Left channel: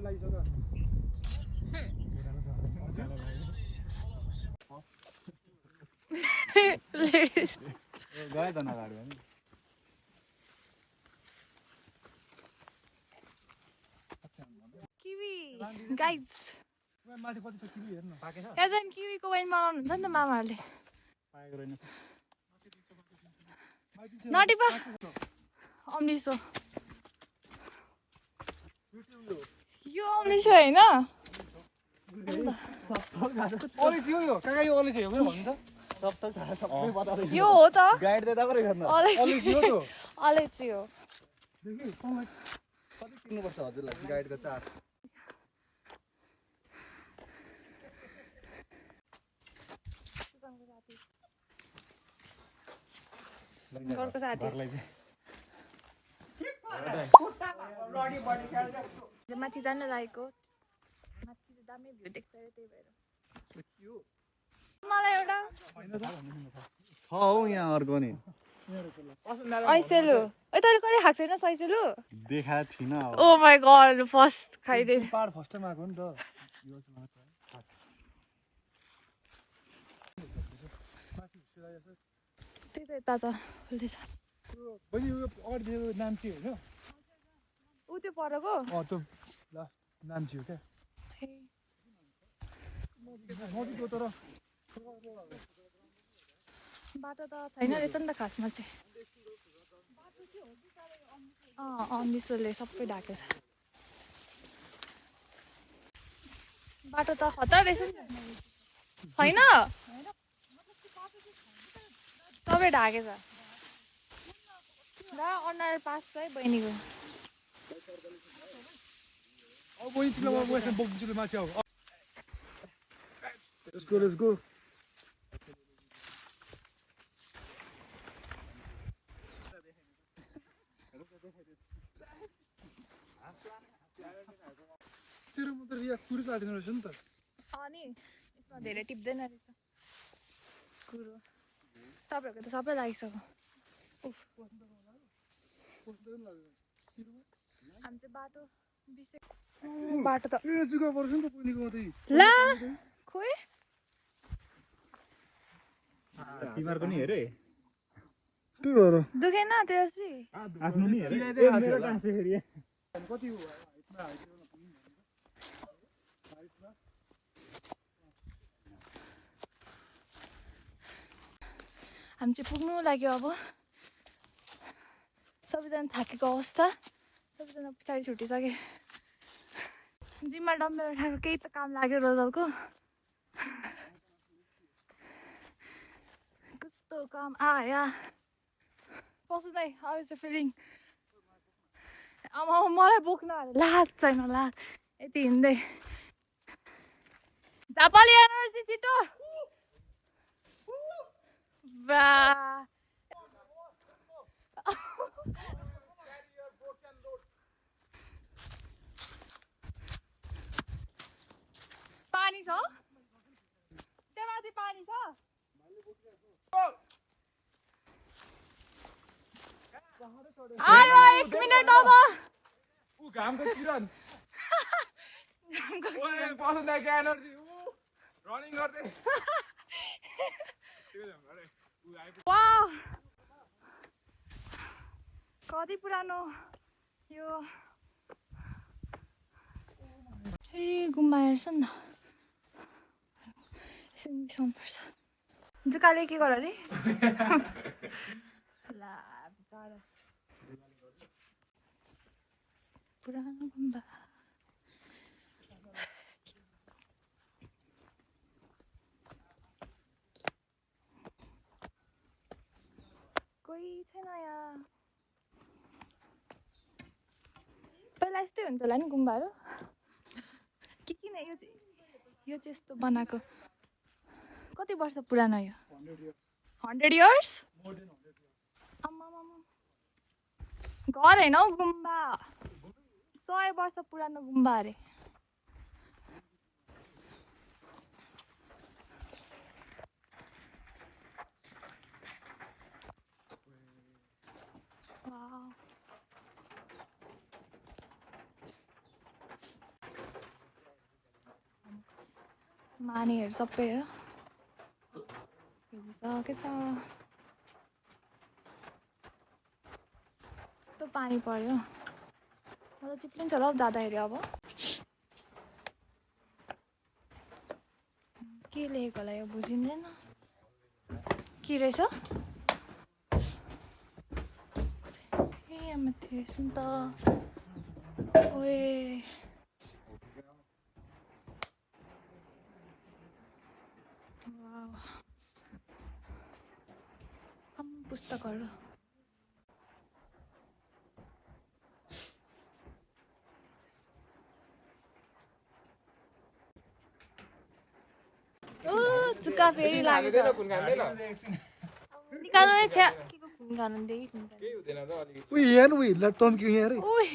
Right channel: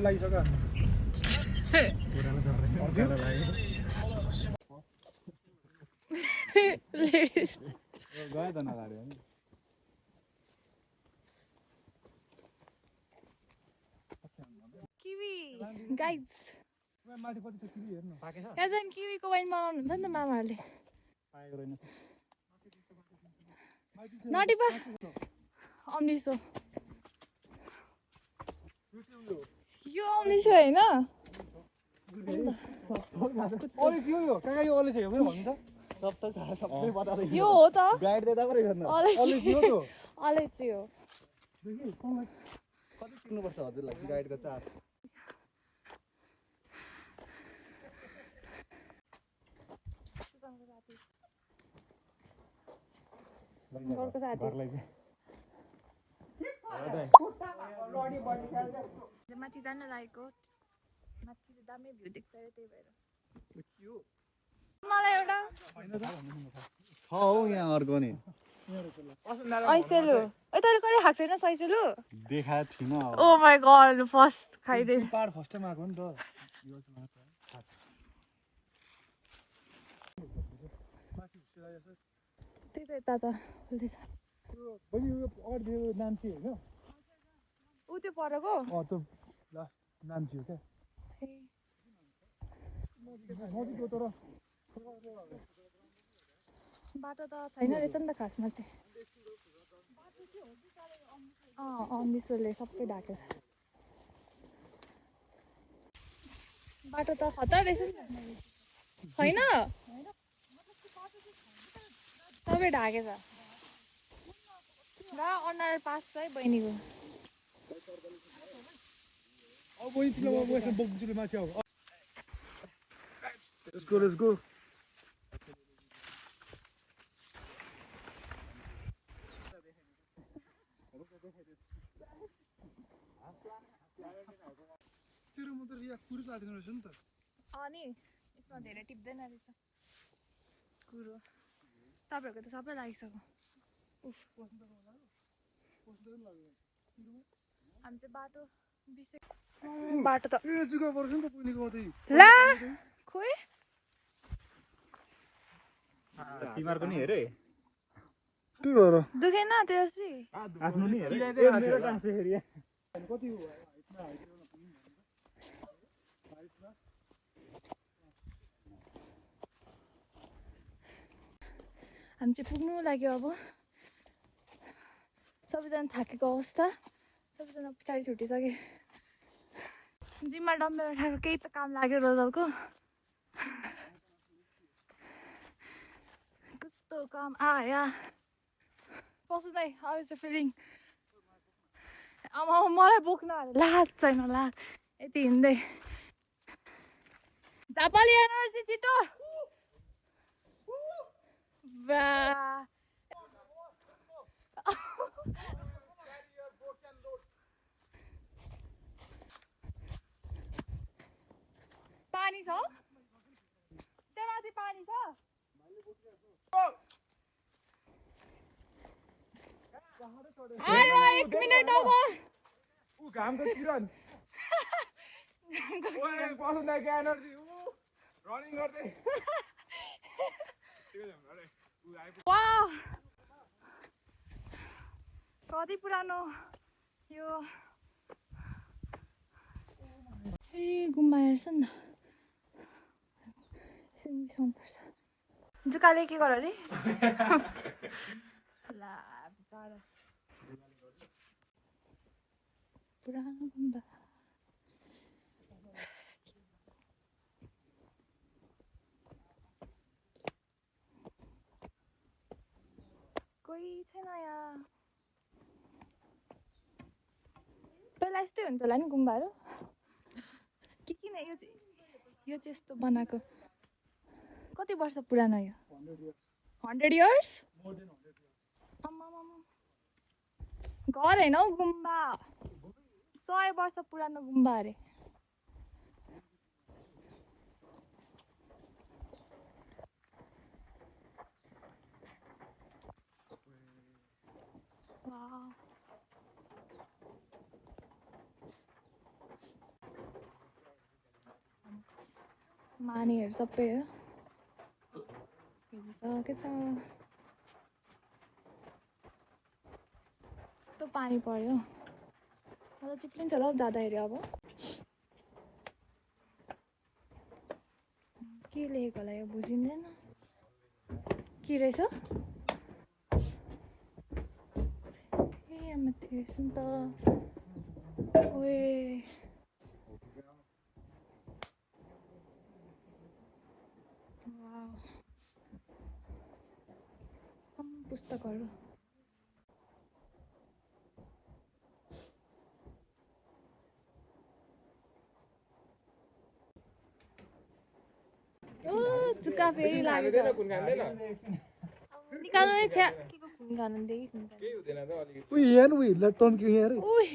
लागिसक्यो गयो त नगाड्यो नि किवी गाइस माथि कति छ किवी हेर्न पाकेछ यहाँ चाहिँ किवीको वाइन बनाउनु हुन्छ नि त मामाहरूले पाएको रहेन नटिपा अम्लिसो यो अम्लिसो होइन अलैँची हो यो कहाँ यो अलैँची हो भन्नु त सब त थाहा सबै बताउँदै यो हो त गाइड दिँदा पो रहेछ अलैँची हो त्यो अलैँची हो देखि कति किन्नुपर्छ हजुरलाई गाइड त चार्ज घरको साथी माथि जान लागेको माथि चाहिँ दामी भ्यू देख्छ अरे त्यही भएर मलाई एउटा छ हौ यहाँ अर्को नि ऐसेलु ए तैँले कहिले खाएको छैन ऐसेलु देखाएको थिइनँ ओ माई गड फर्स्ट खाइदिए पाहाड फर्स्ट टाइम आएको नि त त्यही त यता त खुल्दैछ बहिनी यो अगाडि यो नाम्ची होइन ऊ त्यो परेको त्यो नाम्ची हो क्या नजिक हो तर बाटो त छैन रहेछ नि त खासमा चाहिँ अम्लिसोले सबै ढाकेछ बाटो त खतरा रहेछ नि छैन सबै ढाकेछ ल अनुहार पास छ है बहिनीको अब बहिनी तिमीलाई म यसमा बोक्छु माथि आऊ Let's go. तेरो म त यहाँ कुरो काट्दैन रहेछ नि त अनि यसमा धेरै टिप्दैन रहेछ कुरो तपाईँहरूको त सबै लागिसक्यो हामी चाहिँ बाटो त ए जुगा पर्छ नि त बहिनीको मात्रै ला खोइ तिमीहरूको नि हेरे त्यही भएर दुखेन तेजस्वी आफ्नो नि हेरे मेरो टाँसे फेरि कति हामी चाहिँ पुग्नु लाग्यो अब सबैजना थाकेको अवस्था सबैजना पछाडि छुटिसक्यो जिम्मा डम्बेल उठाएको केही त काम लाग्यो रोजलको कस्तो काम आया पस्दै हाउ इज द फिलिङ आमा मलाई बोक्न लाज छैन लाज यति हिँड्दै झापाली एनर्जी छिटो बा पानी छ त्यहाँ माथि पानी छ आयो 1 मिनेट अब घामको किरण ओए बस्नुलाई एनर्जी रनिङ गर्दै वाउ कति पुरानो यो ए गुम्बा हेर्छ नि त यसरी बिसाउनुपर्छ जुकाले के गर अरे ला बिचारा पुरानो गुम्बा कोही छैन यहाँ पहिला यस्तै हुन्छ होला नि गुम्बाहरू किन यो चाहिँ यस्तो बनाएको कति वर्ष पुरानो यो 100 इयर्स घर होइन हौ गुम्बा 100 वर्ष पुरानो गुम्बा अरे मानेहरू सबै हेर के छ कस्तो पानी पर्यो मलाई चिप्लिन्छ होला हौ जाँदाखेरि अब के लेखेको होला यो बुझिँदैन के रहेछ ए माथि सुन त ओए पुस्तकहरू चुक्का फेरि लागेछ निकाल्नु है छ्या के को खुन खानु देखि खुन खानु केही हुँदैन र अलि उही यहाँ उही ल टन्क्यो यहाँ रे ओइ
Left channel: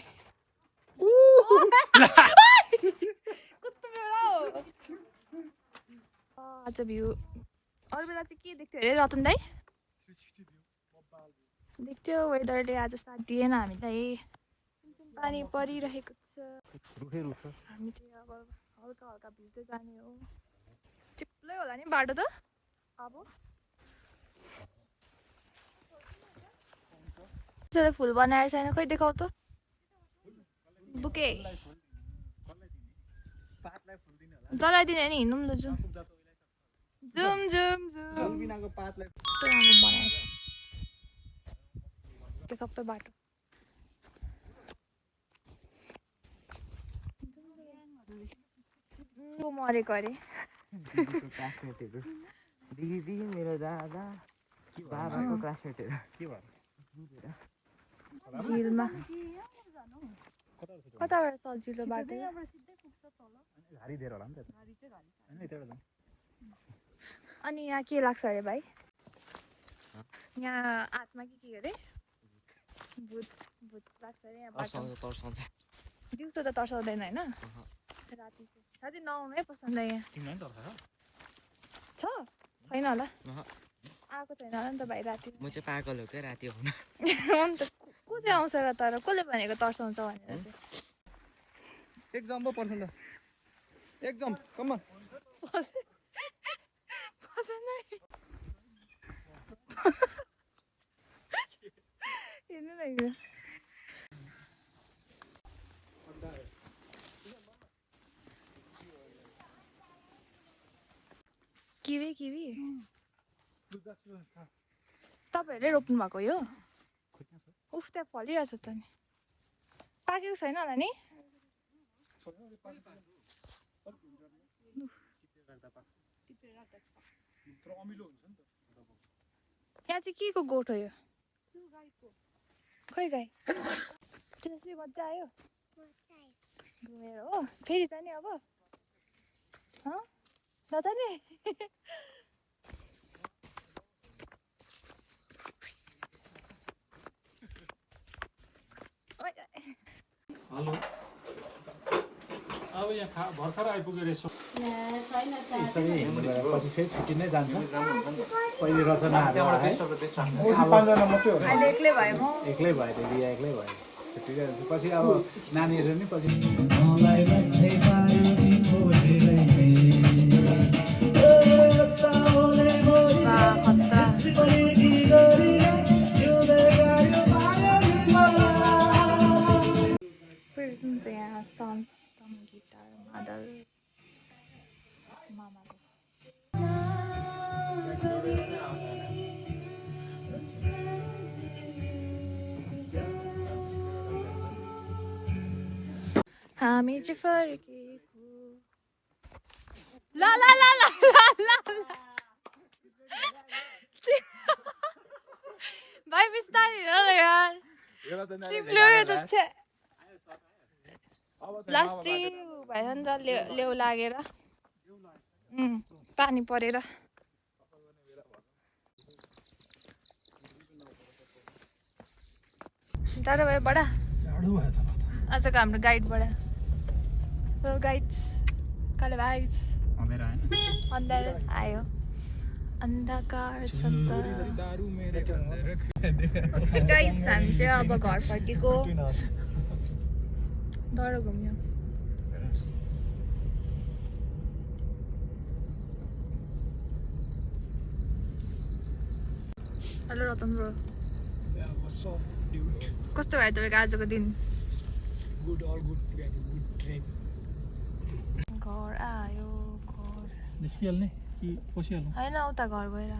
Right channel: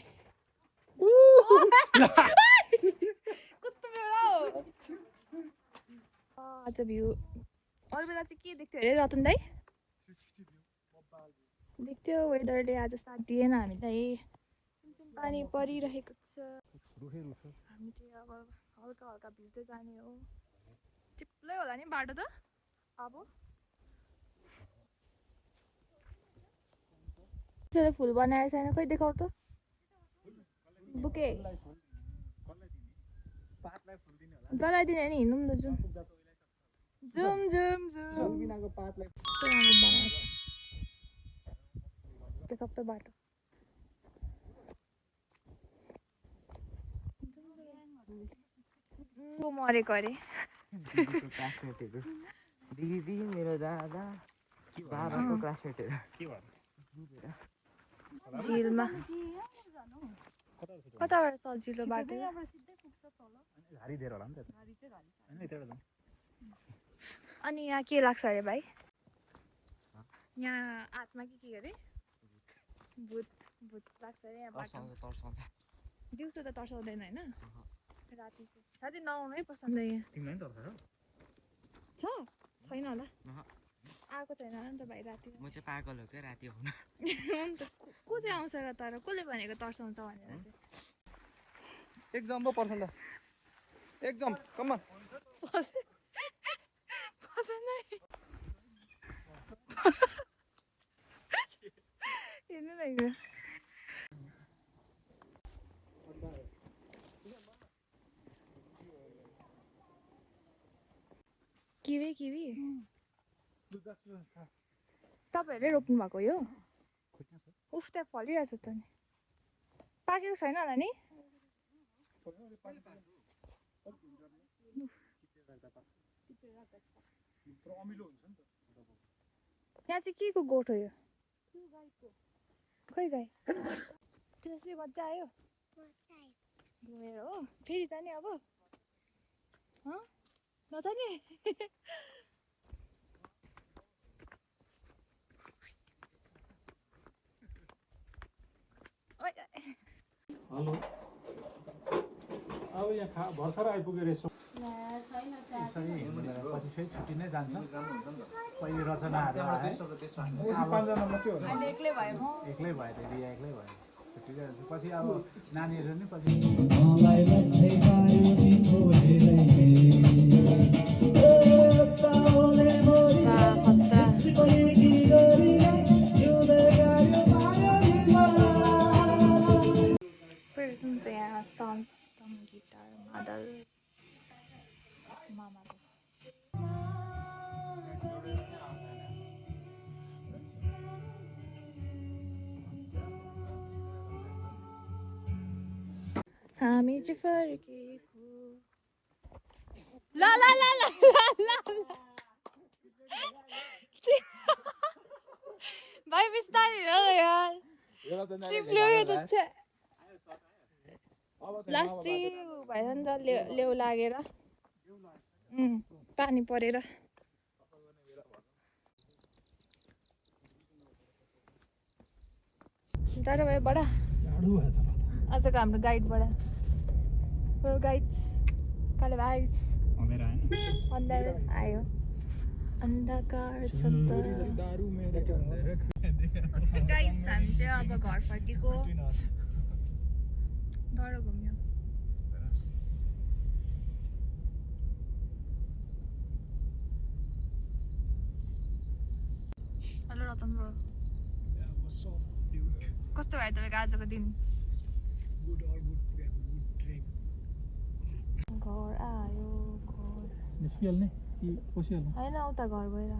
कुत्तो बेला हो आज भ्यू अरू बेला चाहिँ के देख्थ्यो अरे रतन दाइ देख्थ्यो वेदरले आज साथ दिएन हामीलाई पानी परिरहेको छ हामी चाहिँ अब हल्का हल्का भिज्दै जाने हो चिप्लै होला नि बाटो त अब फुल बनाएर छैन खोइ देखाउ त बुके जलाइदिने नि हिँड्नु त जुम जुम जुम जुम त्यो सबै बाटो मरेको अरे दिदी मेरो दादा बाबाको क्लासमेटहरू के भयो झिलमा कताबाट सजिलो बाटो अनि यहाँ के लाग्छ अरे भाइ यहाँ आत्मा के अरे भूत भूत लाग्छ अरे यहाँ बाटो दिउँसो त तर्साउँदैन होइन राति राति नआउनै पसन्द यहाँ छ छैन होला आएको छैन होला नि त भाइ राति म चाहिँ पागल हो क्या राति आउनु अन्त को चाहिँ आउँछ र तर कसले भनेको तर्साउँछ भनेर चाहिँ एकदम पो पर्छ त एकदम कम अन हेर्नु न किवी किवी तपाईँहरूले रोप्नु भएको यो उफ त्यहाँ फलिरहेछ त नि पाकेको छैन होला नि यहाँ चाहिँ के को गोठ हो यो खोइ गाई त्यसले मजा आयो घुमेर हो फेरि जाने अब नजाने हेलो अब यहाँ भर्खर आइपुगेर रहेछौँ पछि फेरि छुट्टी नै जान्छ पहिले रचनाहरू अहिले एक्लै भयो म एक्लै भयो त्यो बिहा एक्लै भयो छुट्टी जान्छ पछि अब नानीहरू नि पछि हामी चाहिँ फर्केको ला ला ला ला ला भाइ बिस्तारै हिँड न यार चिप्ल्यो यो त छे लास्ट चाहिँ भएछ नि त लेउ लागेर पानी परेर टाढो भयो बडा आजको हाम्रो गाइडबाट गाइड्स काले भाइस अन्धार आयो अन्धकार गाइस हामी चाहिँ अब घर फर्केको डर घुम्यो हेलो रतन ब्रो कस्तो भयो तपाईँको आजको दिन घर आयो घर निस्किहाल्ने कि पसिहाल्नु होइन उता घर गएर